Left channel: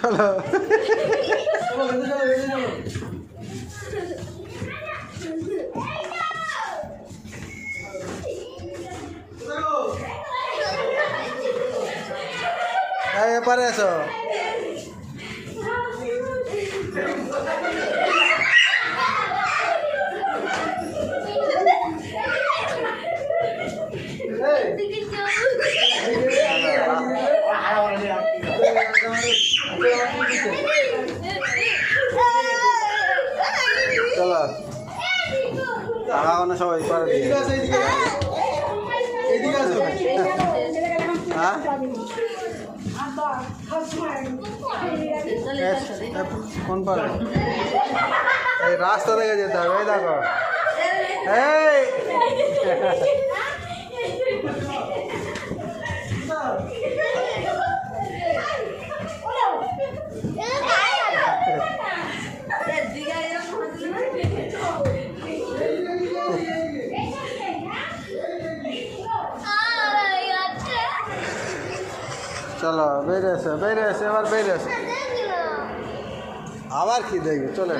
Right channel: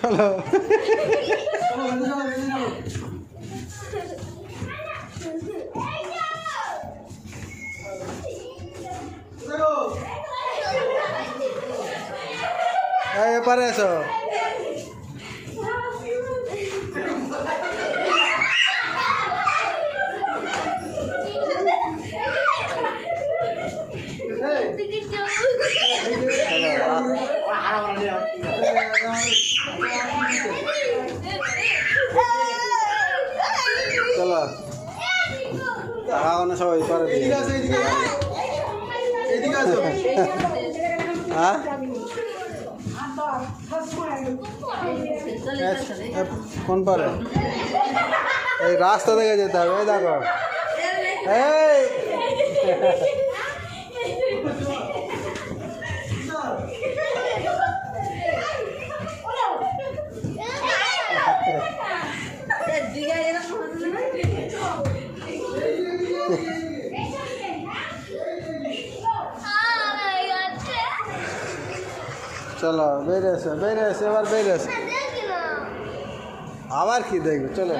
চলো এপারে এসো চলো না সবাই কোন পারে এই রাস্তা থেকে যেতে হবে ওই দেখো এই চলো বেরিয়েছে এবার বেরিয়েছে আবার কি দেখবে চলো